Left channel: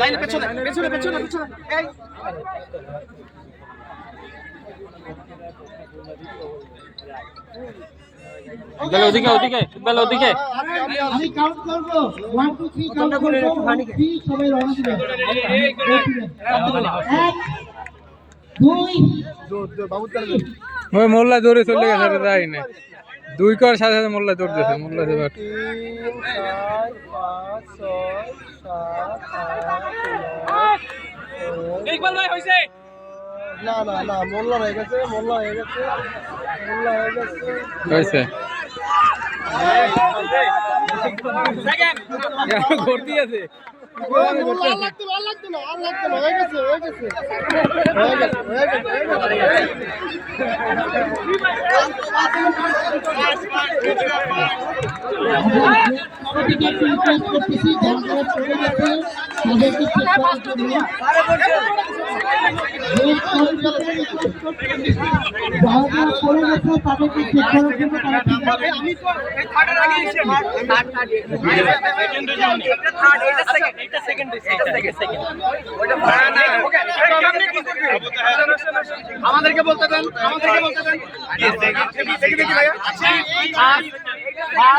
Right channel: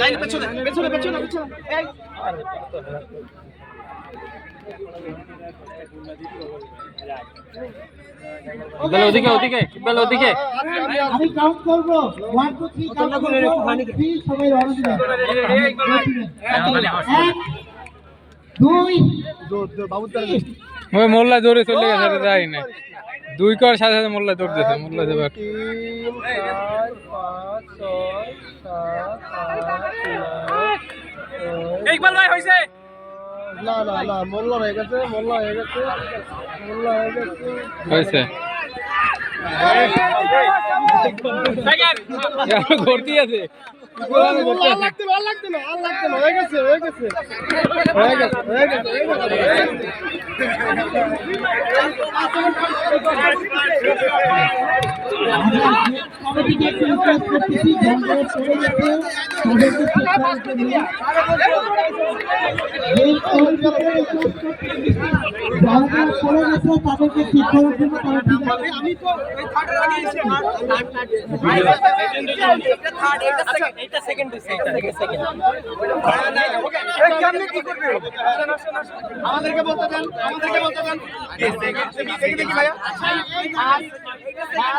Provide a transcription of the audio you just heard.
line পেছনে পেছনে পেছনে পেছনে এই বেল ওদিকে ওদিকে বেল ওদিকে আমি কাউন্ট করব 1 2 3 কাউন্ট করব 3 সবাই রাউন্ড দিবেন 1 2 ওই মোল্লা দৌড়ে চলে গেছে রে যাই না দুই কর সাথে সাথে মোল্লা দৌড় দিয়েছে মোল্লা যাবে 3 4 5 6 7 8 ইকবাল ভাই হইছে না না না মোল্লা হয়ে গেছে মোল্লা হয়ে গেছে মোল্লা হয়ে গেছে হইছে সেকেন্ড ইয়া করতে আছে আর লাগতে না হয়ে গেছে আমাদেরকে একটু রিকোয়েস্ট করতেছি ধ্যান করে চলে যেতে তাদেরকে চেক করার জন্য যারা পড়ে গেছে তাদেরকে চেক করার জন্য তারা ঠিক আছে আমি তো এই থার্ডের আগে এসে এটা সেকেন্ড আমাদেরকে বলতে দেন ভাই